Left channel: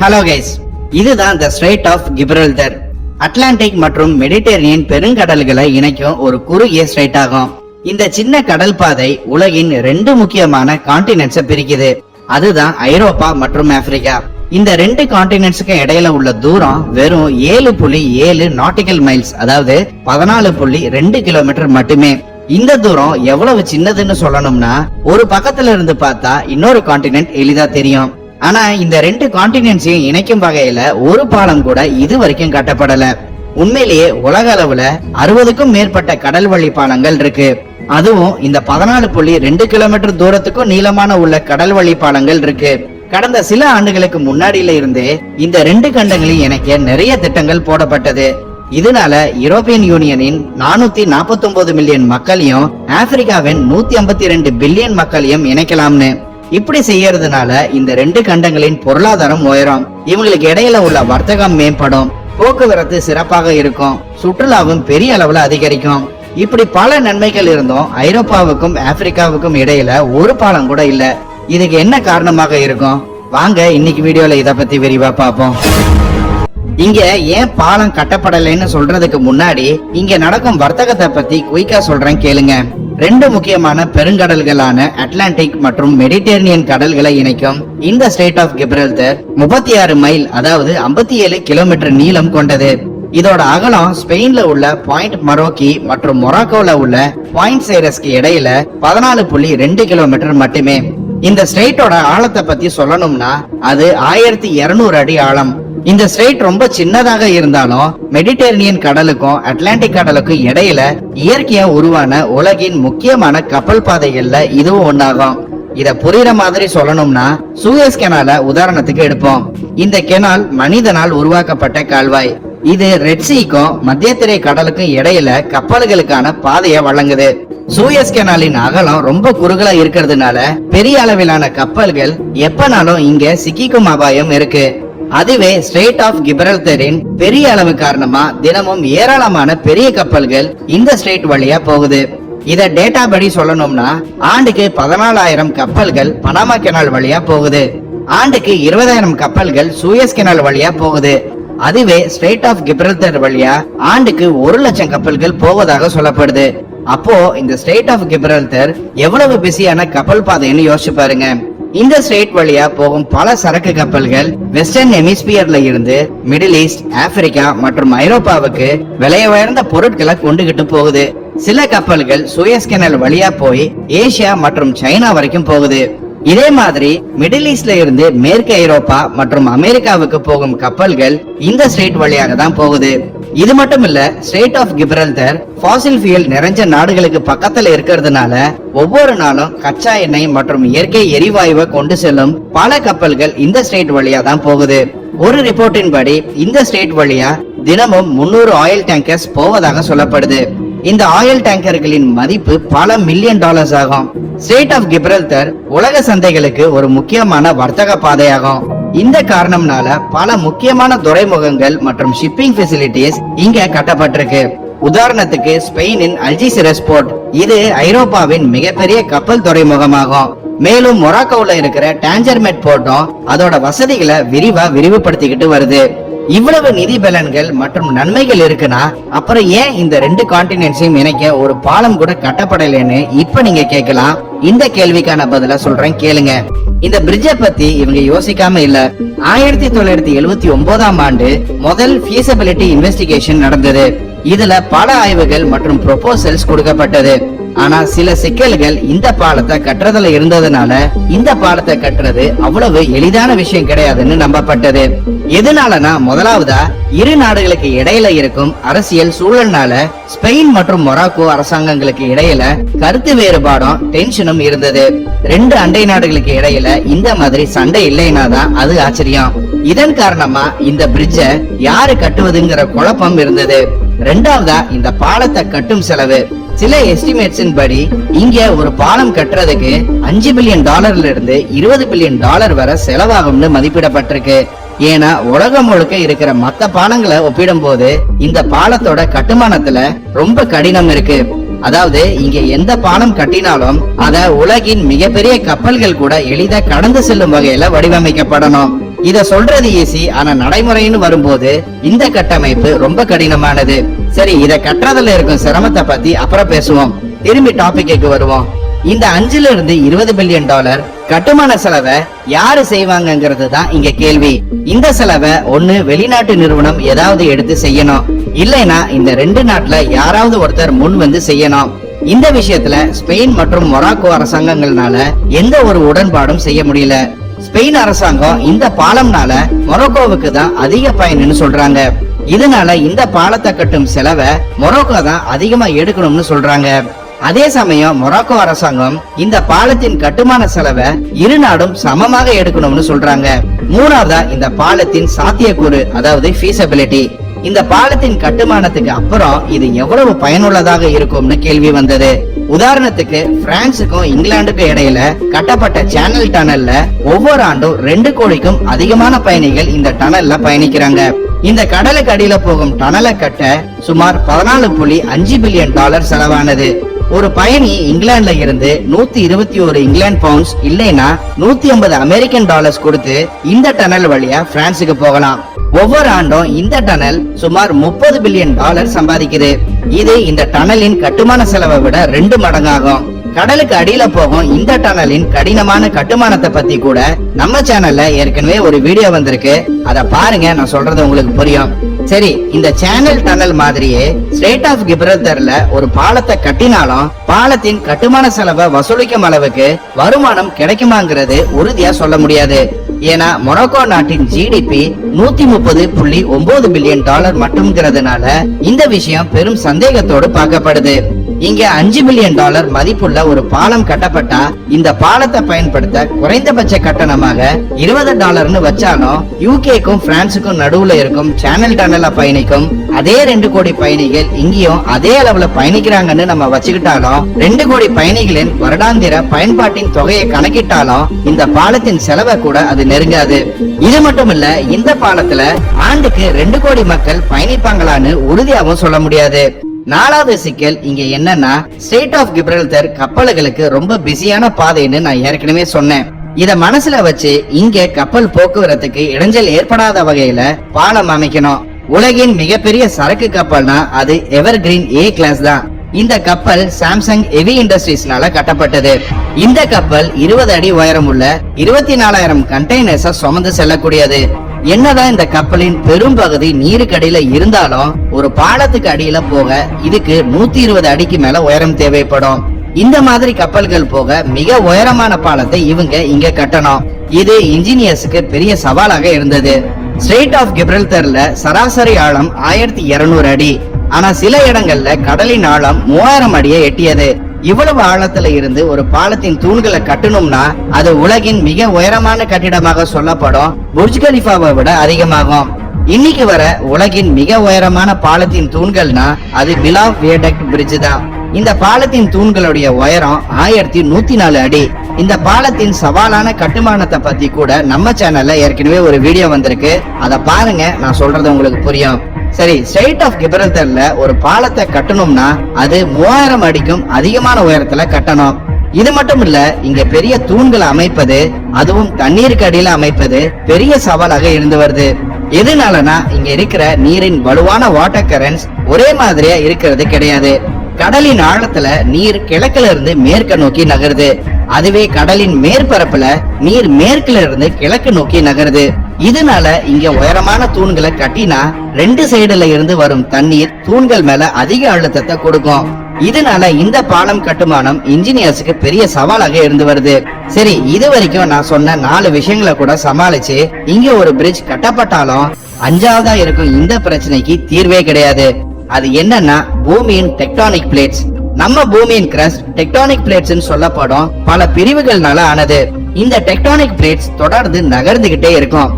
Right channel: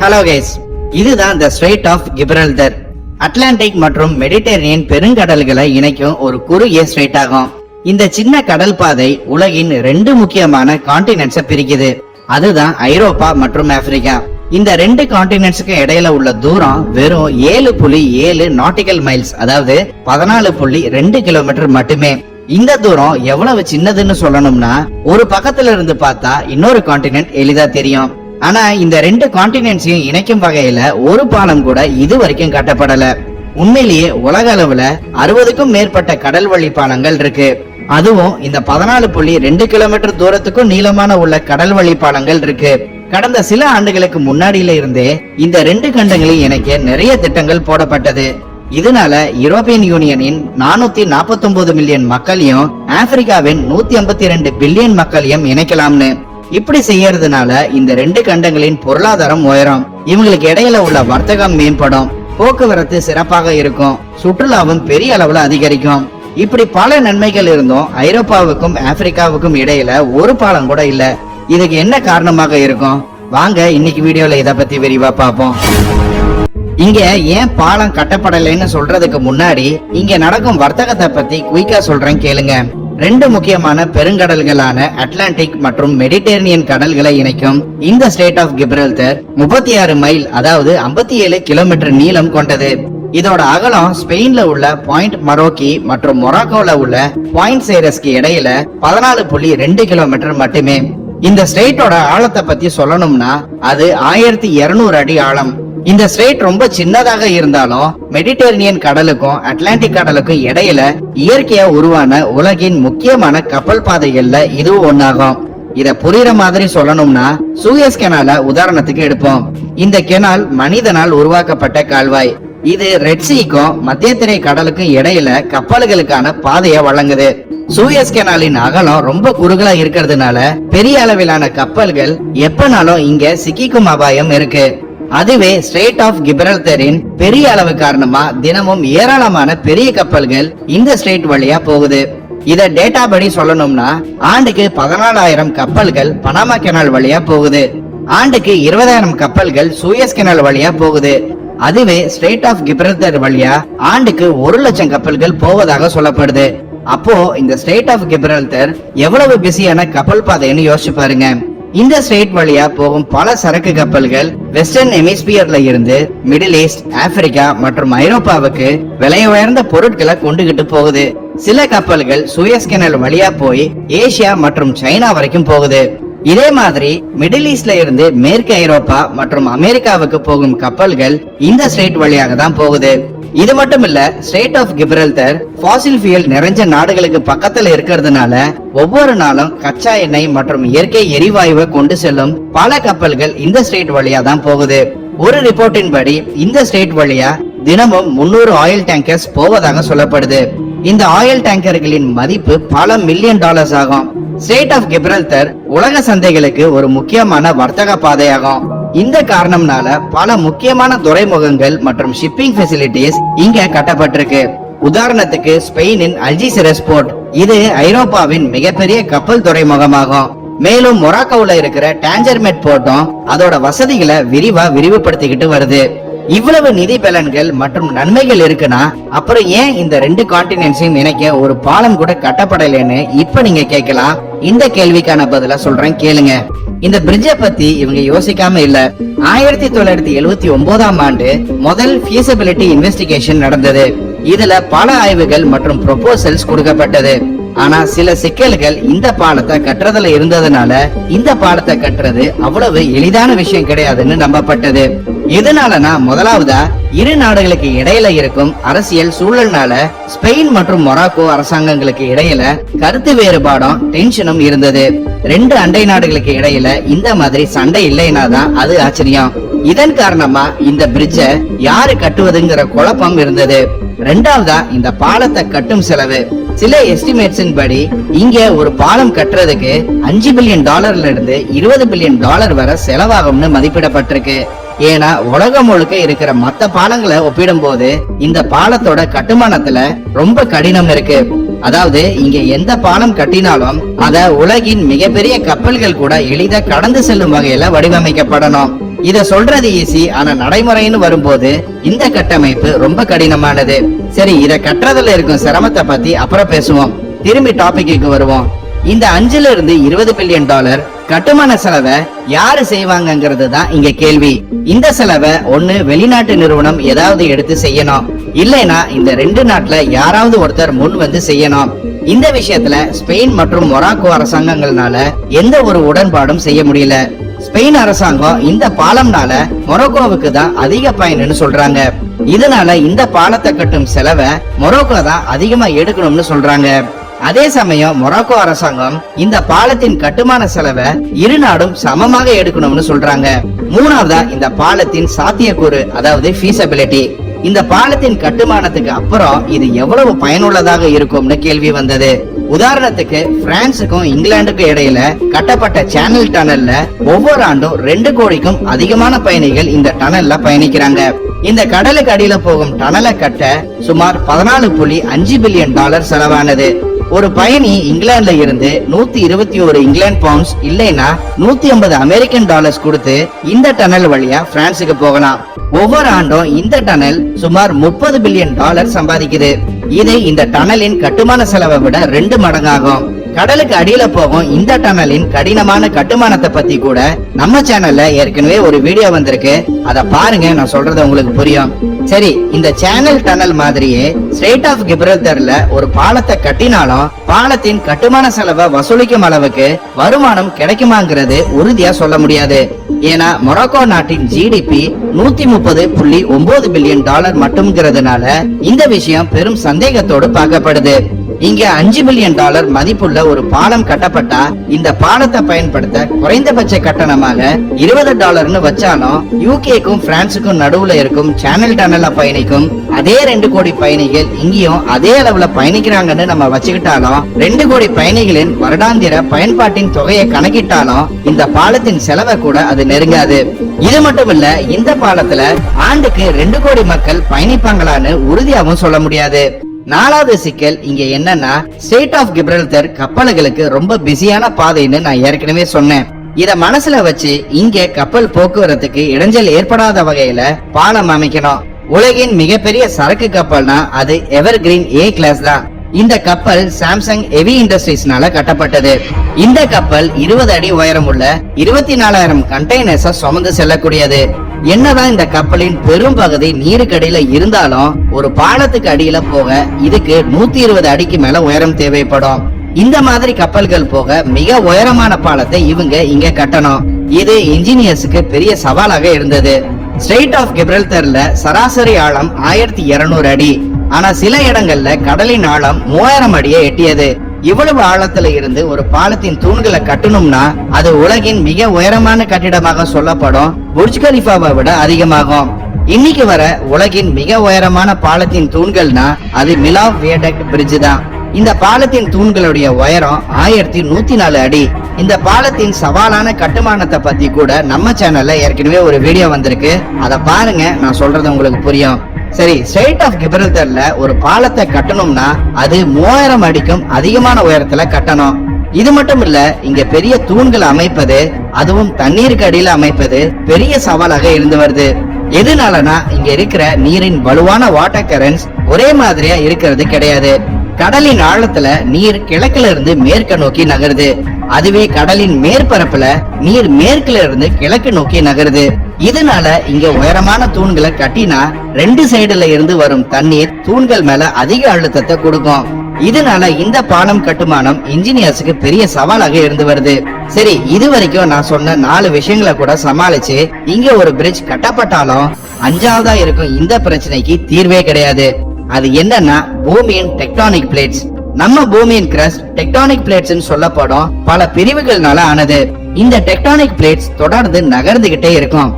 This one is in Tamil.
ஹலோ கைஸ், இதுதான் த ஸ்ட்ரெய்ட் ஆஃப் கிப்ரல்டர். அட்லாண்டிக் மற்றும் மெடிட்டரேனியன் பெருங்கடல்களை இணைக்கும் ஒரு குறுகிய ஸ்ட்ரெய்ட் ஆகும். இந்த சின்ன கடல் பாதை உலகின் 2 முக்கியமான கான்டினென்ட்ஸை பிரிக்குது. அதுதான் ஐரோப்பா மற்றும் ஆப்பிரிக்கா. இந்த 2 கான்டினென்ட்ஸுக்கு இடையில உள்ள தூரம் வெறும் 7.7 நாட்டிக்கல் மைல்ஸ், அதாவது 14.2 கிலோமீட்டர் மட்டுமே. இந்த தூரம் எவ்வளவு சின்னதுன்னு சொல்லணும்னா, ஒரு பக்கத்துல இருந்து பார்த்தா இன்னொரு கான்டினென்ட் எளிதா தெரியும். ஆனா இந்த 2 கான்டினென்ட்ஸையும் இணைக்கும் வகையில ஒரு பாலம் கூட இதுவரைக்கும் கட்டப்படல. உண்மையிலேயே உலக அளவுல 60க்கும் மேற்பட்ட கடல் வழி பாலங்கள் இருக்கு. அதுவும் இந்த 14.2 கிலோமீட்டர் தூரத்துக்கும் நீளமான உள்ள கடல் வழி பாலங்கள் இருக்கு. கடந்த சில ஆண்டுகளுக்கு முன்னாடியில இருந்தே இந்த 2 கண்டங்களையும் இணைக்க நிறைய திட்டங்கள் போடப்பட்டது. இதனால யூரோப்பியன் யூனியனின் 449 மில்லியன் மக்களையும் ஆப்பிரிக்காவின் 152 பில்லியன் மக்களையும் இணைக்கலாம்னு. இப்படி செய்யறதுனால இந்த 2 கண்டங்களின் பொருளாதாரம் உயரும், இவங்களுக்கு இடையில உள்ள வர்த்தகம் மேம்படும், போக்குவரத்து சிறப்பாக இருக்கும், சுற்றுலாவும் பெரிய அளவுல அதிகரிக்கும். இப்படி பல நன்மைகள் இருந்தும் ஐரோப்பாவுக்கும் ஆப்பிரிக்காவுக்கும் இடையில ஒரு பாலம் கூட இல்ல. இதுக்கு என்ன காரணமாக இருக்கும்? வாங்க இன்னைக்கு வீடியோல இத பத்தி விரிவா பார்ப்போம். இங்க ஏன் பாலம் கட்டப்படலைன்னு சொல்றதுக்கு முன்னாடி இங்க நடக்கும் வர்த்தகத்தை பத்தி குயிக்கா சொல்றேன் கேளுங்க. 2 முக்கியமான பெருங்கடல்களான அட்லாண்டிக் மற்றும் மெடிட்டரேனியன் கடல்களை இணைக்கும் இந்த ஸ்ட்ரெய்ட் ஆஃப் கிப்ரல்டர் 36 மைல், அதாவது 57 கிலோமீட்டர் நீளம் கொண்டது. இதோட அகலம் ஸ்பெயின்ல உள்ள பாயிண்ட் மரோக்கி மற்றும் மொராக்கோல உள்ள பாயிண்ட் சைரஸ்க்கு இடையில 14.2 கிலோமீட்டர் மட்டுமே. இந்த ஸ்ட்ரெய்ட்டோட ஆழத்தை பத்தி சொல்லணும்னா அது 1200 அடி ஆழம். இந்த ஸ்ட்ரெய்ட் ரொம்ப சின்னதாக இருந்தாலும் மெடிட்டரேனியன் கடலுக்கும் அட்லாண்டிக் கடலுக்கும் இடையில இயற்கையா உருவான உலகின் முக்கியமான கப்பல் பாதைகள்ல இதுவும் ஒன்னாகும். இத புரியுற மாதிரி சொல்லணும்னா சூயஸ் கெனால உதாரணத்துக்கு எடுப்போம். இந்த கெனால் மனிதனால் உருவாக்கப்பட்ட கால்வாய். இது ரெட் சீக்கும் மத்தியத்திரை கடலுக்கும் இடையில கப்பல்களுக்கான பாதையை வழங்குது. சூயஸ் கெனாலின் அகலம் ரொம்ப குறுகலா இருக்கிறதுனால பெரிய அளவிலான கப்பல்கள் எப்பனாலும் இங்க சிக்கிக்கும் அபாயம் இருக்கு. அதுவே ஸ்ட்ரெய்ட் ஆஃப் கிப்ரல்டரின் பெரிய அளவு காரணமா தினமும் ஏராளமான பெரிய கப்பல்கள் இந்த ஸ்ட்ரெய்ட் வழியா போகுது. இத டேட்டா படி சொல்லணும்னா ஆண்டுக்கு 14,000 கப்பல்கள் பனாமா கெனால் வழியா போகுது. ஆண்டுக்கு 20,000 கப்பல்கள் சூயஸ் கெனால் வழியா போகுது. அதுவே ஸ்ட்ரெய்ட் ஆஃப் கிப்ரல்டர் வழியா ஆண்டுக்கு 1,00,000 கப்பல்கள் போவதாக சொல்லப்படுது. அப்போ இந்த ஸ்ட்ரெய்ட் ஆஃப் கிப்ரல்டர் எவ்வளவு பிஸியான கப்பல் பாதைன்னு யோசிச்சு பாருங்க. இந்த ஸ்ட்ரெய்ட் வழியா போகும் பல சரக்கு கப்பல்கள் வெஸ்டர்ன் ஹெமிஸ்பியர்ல இருந்து மிடில் ஈஸ்ட், ஆப்பிரிக்கா மற்றும் ஐரோப்பாவுக்கு விலை உயர்ந்த பொருட்களை கொண்டுகிட்டு போகுது. சில கப்பல்கள் சூயஸ் கெனால் வழியா போய் ஏசியா மற்றும் சைனா வரைக்கும் போகுது. இதே மாதிரி மிடில் ஈஸ்ட்ல இருந்து மேற்கு ஐரோப்பா மற்றும் அமெரிக்காவுக்கு போகும் கப்பல்கள் இந்த ஸ்ட்ரெய்ட் வழியாக தான் போகுது. இது மட்டும் இல்ல, ஸ்ட்ரெய்ட் ஆஃப் கிப்ரல்டர் ஃபாசில் ஃபியூல் நிறைஞ்ச நாடுகளுக்கு பக்கத்துல இருக்கிறதுனால ஒவ்வொரு நாளும் கச்சா எண்ணெய் மற்றும் இயற்கை எரிவாயுவை கொண்டு செல்லும் பல கப்பல்கள் இந்த ஸ்ட்ரெய்ட் வழியா தான் போகுது. ஒரு ரிப்போர்ட்டின் படி இந்த ஸ்ட்ரெய்ட் வழியா தினமும் 300 ஆயில் டேங்கர்ஸ் போவதாக சொல்லப்படுது. இந்த ஆயில் டேங்கர்களின் மதிப்பு பல மில்லியன் டாலர்ஸ் ஆகும். ஸ்ட்ரெய்ட் ஆஃப் கிப்ரல்டர் உலக சந்தைகளுக்கு ஒரு முக்கியமான வர்த்தக பாதையாகும். இந்த காரணம்னால பல முக்கியமான துறைமுகங்கள் மற்றும் ஷிப்பிங் ஃபெசிலிட்டிஸ் இங்க கட்டப்பட்டிருக்கு. உதாரணத்துக்கு ஸ்பெயினின் அல்ஜிசிரஸ் போர்ட், இது ஐரோப்பாவின் மிகப்பெரிய கப்பல் துறைமுகமாகும். மேலும் மொராக்கோல இருக்கிற டான்ஜர்மெட் போர்ட்டும் அதோட வசதிகளை விரிவுபடுத்திக்கிட்டு வருது. இவ்வளவு நிதி பலன்கள் மற்றும் நன்மைகள் இருக்குன்னா அப்புறம் ஏன் இந்த 2 கான்டினென்ட்ஸையும் இணைக்க ஒரு பாலம் கூட கட்டப்படலைன்னு இப்ப நீங்க கேட்கலாம். இந்த கேள்விக்கான பதில சொல்றேன் கேளுங்க. இந்த பிரிட்ஜை பத்தி இவங்க யோசிக்காம இல்ல. 1979ஆம் ஆண்டு முதல் ஃபீசிபிலிட்டி இன்வெஸ்டிகேஷன் நடந்தது. இதுல பல ஆய்வுகள் மற்றும் ப்ரொபோசல்ஸ் கொடுக்கப்பட்டது. ஆனா சில சிக்கல்கள் இந்த பாலத்தை கட்டுறதுல இருந்ததுனால இந்த பாலத்தை கட்டுறது அவ்வளவு எளிதான விஷயம் கிடையாதுன்னு நம்பப்பட்டது. எதனாலனா, முதலாவதா இரு நாடுகளுக்கு இடையில இருக்கும் அரசியல் சூழல்னால ஸ்பெயின் மற்றும் மொராக்கோ அரசாங்கங்களுக்கு இடையில கருத்து வேறுபாடும் டென்ஷனும் இருந்தது. 2 அண்டை நாடுகளுக்கு இடையில இந்த மாதிரி சண்டை இல்லைனாதான் அது ஆச்சரியம். இதன் காரணமா இந்த பிரிட்ஜ யாரு கட்டுவதுங்கிற குழப்பம் இருந்தது. 2வதா இந்த பாலத்தை கட்டும் செலவு. சில எஸ்டிமேட்ஸின் படி இங்க ஒரு பாலம் கட்டுறதுக்கு 5 பில்லியன் டாலர்ல இருந்து 20 பில்லியன் டாலர் வரை செலவாகும்னு மதிப்பிடப்பட்டிருக்கு. ஏன்னா உலகம் முழுக்க இருக்கிற மத்த பாலங்களை ஒப்பிடும் போது இந்த பாலத்தோட கட்டுமானத்துல ரொம்ப கடினம் இருக்கு. அதாவது இங்க எந்த பாலம் கட்டினாலும் அத உலகின் மிகப்பெரிய கப்பல்கள் கூட எளிதா கடந்து செல்லும் வகையில வடிவமைக்கப்படணும். இத சொல்றது ஈஸி, ஆனா நடைமுறைன்னு வரும்போது இந்த கட்டமைப்பு ரொம்ப கடினமானது. சரி, இத கட்டுறதுல இருக்கும் சிரமத்தை பத்தி அப்புறம் பேசுவோம். திரும்பி டாபிக்கு வருவோம். இந்த 5 இருந்து 20 பில்லியன் டாலர் கட்டுமான செலவை யாரு செய்வாங்கங்கிறது தான் இங்க கேள்வி. இந்த செலவை ஒண்ணு வெளிநாட்டு நிறுவனம் ஏதாவது எடுத்து செய்யணும், இல்லைன்னா இந்த 2 நாட்டுல யாராவது ஒருத்தர் முன் வந்து செய்யணும். இந்த விஷயத்துல ஸ்பெயின் மற்றும் மொராக்கோ அரசாங்கங்கள்னால எந்த ஒரு உடன்பாடும் செய்ய முடியல. ஸ்பெயின் அரசாங்கம் இந்த பாலம்னால மொராக்கோவுக்கு தான் அதிக பயன்னு சொல்றாங்க. இதனால இந்த பாலத்தை கட்டும் செலவை மொராக்கோ தான் அதிகமா எடுக்கணும்னு சொல்றாங்க. அதே சமயம் மொராக்கோ அரசாங்கம் இந்த பாலத்தின் கட்டுமான செலவை இரு நாடும் சமமாக எடுக்கணும்னு சொல்றாங்க. மூணாவதா இந்த பாலத்தின் சாத்தியக்கூறு, அதாவது ஃபீஸபிலிட்டி. இந்த பாலத்தின் கட்டுமானத்துக்கு அப்புறம் இது எவ்வளவு பயனுள்ளதாக இருக்கும்னு கேள்வி வந்தது. உதாரணத்துக்கு பிரான்சுக்கும் இங்கிலாந்துக்கும் இடையில கட்டப்பட்ட சேனல் டனல்ல ஒவ்வொரு ஆண்டும் 2 கோடிக்கும் அதிகமான பயணிகள் இந்த டனல்ல பயணிக்கிறாங்க. இந்த கடலுக்கு அடியில போகும் டனலை கட்ட சுமார் 14.5 பில்லியன் டாலர் செலவானது. ஒரு பயணி இங்கிலாந்துல இருந்து 121 இங்கிலாந்து பவுண்ட்ஸ் இல்லைன்னா 150 அமெரிக்கன் டாலர்ஸ் கொடுத்து இந்த டனல் வழியா பிரான்சுக்கு போகலாம். ஒவ்வொரு ஆண்டும் இந்த டனல் சுமார் 30 பில்லியன் டாலர் சம்பாதிக்குது. இது இந்த டனலின் கட்டுமான செலவை விட 2 மடங்காகும். கடலுக்கு அடியில போகும் இந்த டனலின் கடினமான கட்டுமானத்தை பத்தி கூட நம்ம சேனல்ல ஏற்கனவே ஒரு வீடியோ வந்திருக்கு, அத பாருங்க, நான் சொல்றது உங்களுக்கு புரியும். சரி, இந்த சேனல் டனல் மாதிரியே ஸ்ட்ரெய்ட் ஆஃப் கிப்ரல்டர்ல ஒரு பாலத்தை கட்டினாலும் பாலத்தின் கட்டுமான செலவை வசூலிக்கும் அளவுக்கு வருமானம் கிடைக்குமாங்கிறது உறுதியா சொல்ல முடியாது. ஏன்னா மொராக்கோ நாட்டின் ஜிடிபி 130.9 பில்லியன் டாலர் மட்டும்ங்கிறதுனால இந்த விஷயம் பெரும் சந்தேகத்தோடு பார்க்கப்படுது. இங்க 5 பில்லியன் டாலர் மதிப்புள்ள ஒரு பாலம் கட்டப்பட்டா இந்த பாலத்தை பயன்படுத்த குறைந்தபட்ச கட்டணமாக $20 வச்சாலும் யூகேக்கும் பிரான்சுக்கும் நடுவுல இருக்கும் சேனல் டனல்ல பயணிக்கும் அதே 2 கோடி பயணிகள் இங்கேயும் அதே அளவுல பயணிக்கிறாங்கன்னு நம்ம வச்சுக்கிட்டாலும் 2 கோடி பயணிகளின் வருடாந்திர பயன்பாட்டின் தொகையை கணக்கிட்டாலும் இந்த பாலத்தின் செலவை கூட அது நெருங்காது. இது மட்டும் இல்ல, இந்த பாலத்துல ஆண்டுக்கு 2 கோடி மக்கள் பயணிப்பாங்களான்னு உறுதியாகவும் சொல்ல முடியாது. 4வது சிக்கல் இங்க என்னன்னா, ஸ்ட்ரெய்ட் ஆஃப் கிப்ரல்டர் கப்பல்களுக்கு ரொம்ப பிஸியான பாதைன்னு நான் ஏற்கனவே சொன்னேன். இத மனசுல வச்சு இங்க கப்பல் போக்குவரத்துக்கு இடைஞ்சல் ஏற்படாத வகையில பாலம் அமைக்கணும். உலகின் மிகப்பெரிய சரக்கு கப்பல்னா அது எவர்கிரீன் A கிளாஸ் தான். இந்த கப்பல் சாம்சங் ஹெவி இண்டஸ்ட்ரீஸ்னால கட்டப்பட்டது. இந்த கப்பல் 20 அடி உயரம் உள்ள 24,000 கண்டெய்னர்ஸ சுமந்து செல்லக்கூடியது. என்னதான் இந்த கப்பலின் பெரும் பகுதி நீருக்கடியில இருந்தாலும் ஒரு பாலத்துக்கு அடியில போக இதுக்கு 120 அடிக்கு மேல உயரம் தேவைப்படும். இந்த மாதிரி கப்பல்கள் போக மிக உயரமான பாலத்தை இவங்க இங்க கட்டணும். இது இன்ஜினியர்ஸுக்கு பெரிய சவாலாக இருந்தது. ஸ்ட்ரெய்ட் ஆஃப் கிப்ரல்டர்ல சராசரி ஆழம் 1200 அடி. ஆனா சில இடங்கள்ல கடலின் ஆழம் 3000 அடியை எட்டியது. இவ்வளவு ஆழத்துல இருந்து ஒரு பாலத்தின் தூண்களை கட்டணும்னா அது உலகின் மிக உயரமான கட்டிடமாக சொல்லப்படும் புர்ஜ் கலிஃபாவை விட அதிகமாகும். இன்னைக்கு வர உலகின் மிக உயரமான பாலத்தின் தூண்கள்னா அது மிலான் வியடக்ட் பிரிட்ஜ் தான். இந்த பாலத்தின் தூண்களுடைய உயரம் 1104 அடி. இந்த பாலத்தின் சவாலான கட்டுமானத்தை பத்தி கூட நம்ம சேனல்ல ஏற்கனவே ஒரு வீடியோ வந்திருக்கு, அத பாருங்க, நான் சொல்றது உங்களுக்கு புரியும். சரி, ஸ்ட்ரெய்ட் ஆஃப் கிப்ரல்டர்ல ஒரு பாலத்தை கட்டணும்னா அது 3000 அடிக்கும் அதிகமான உயரத்துல கட்டணும். இது மட்டும் இல்ல, இங்க பெரிய தூண்களை அமைப்பது, அதுவும் தண்ணீருக்கு அடியில அமைப்பது பெரிய சவாலாக இருந்து வருது. எதனாலனா இங்க இருக்கிற நீரின் வலுவான வாட்டர் கரண்ட்ஸ் ஒரே மாதிரியா இருக்கிறது கிடையாது. கடலின் ஆழத்துல நீர் கிழக்குல இருந்து மேற்கு நோக்கி நகருது. அதுவே கடலின் மேற்பரப்புல நீர் மேற்குல இருந்து கிழக்கு நோக்கி நகருது. இதனால இங்க உயரமான தூண்களை கட்டினா 2 சைடுல இருந்து வரும் தண்ணீர் தூண்கள் மேல அதிக அழுத்தத்தை கொடுக்கும். இதனால இந்த பாலம் கட்டுமானம் இன்ஜினியர்ஸுக்கு பெரிய சவாலாக இருந்து வருது. சரி, இது வரைக்கும் நான் சொன்ன 4 விஷயங்களை கூட சமாளிச்சு இங்க ஒரு பிரிட்ஜ் கட்டப்பட்டாலும் 5வதா இருக்கும் இந்த பிரச்சனைக்கு தீர்வே கிடையாது. அது என்னன்னா பூமியின் டெக்டானிக் பிளேட்ஸ். நம்ம பூமியின் கிரஸ்ட் டெக்டானிக் பிளேட்ஸ் சொல்லப்படும் பல பிரிவுகள்னால ஆனது. இந்த டெக்டானிக் பிளேட்ஸ் தொடர்ந்து நகர்ந்துகிட்டே இருக்கும்.